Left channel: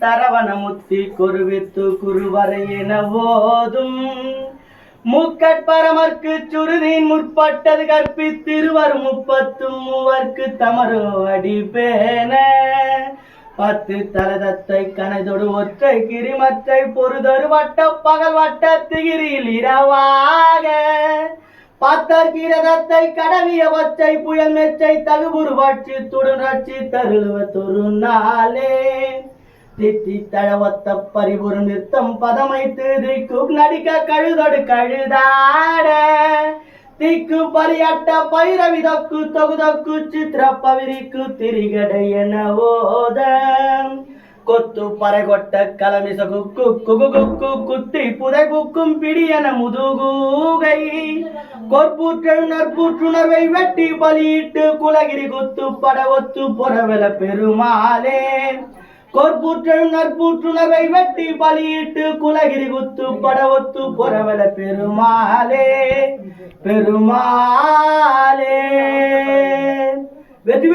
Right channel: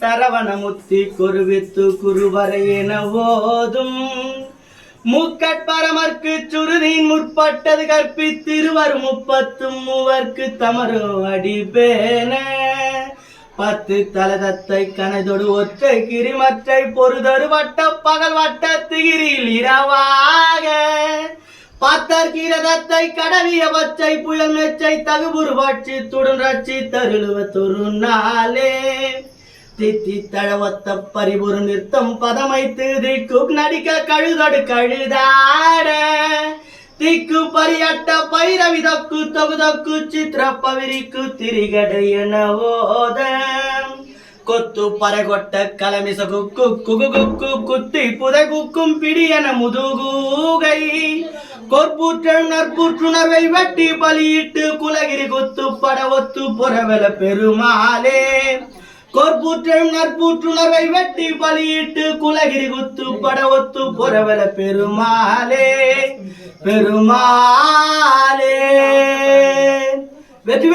சரவணமுத்தி குருவித்து குருவரையென ஓதும். முக்கட்பரமர்க்கு சுருதின் முற்பட்டது கற்பித்திருவர் முப்பத்தும் மூவர்க்கு தமரு அடிபேன. பத்து தலதத்தை கனைதொடு ஒற்றை கிரிமற்றை பொறுதொரு வட்ட பகல் வட்ட திகிரியில் இரவாக. பத்தர் கிரதத்தை கடவிய வச்சை புயல் மெச்சை தகுபுரு பட்சி துடன் ரட்சி தருளுவ தொரு நாளே. தித்தி தழவத்த பரிபுறு நிறுத்தம் பதமைத்து திக்கு நடிக்க கழுதொடு கழுதாட. திக்கு பரியட்ட பைரவிதக்கு தொகுதக்கு சித்திர பவிரிக்கு திரிகடை என ஓத. கொத்து பறைகொட்ட கலமிச குக்கு குகு குக்கு குத்தி புதை குக்கும் பிடி என முதுகூகை. கொற்பூற்றல் நற்பூற்றுணர்வை வெட்டி பலியிட்டு குலகிரி குத்து பட ஒத்து பொறவல பெருமாளே. கொற்பூற்றையும் நற்பூற்றுணர்வை வெட்டி பலியிட்டு குலகிரி குத்து பட ஒத்து பொறவல பெருமாளே. பெருமாளே. வெற்றி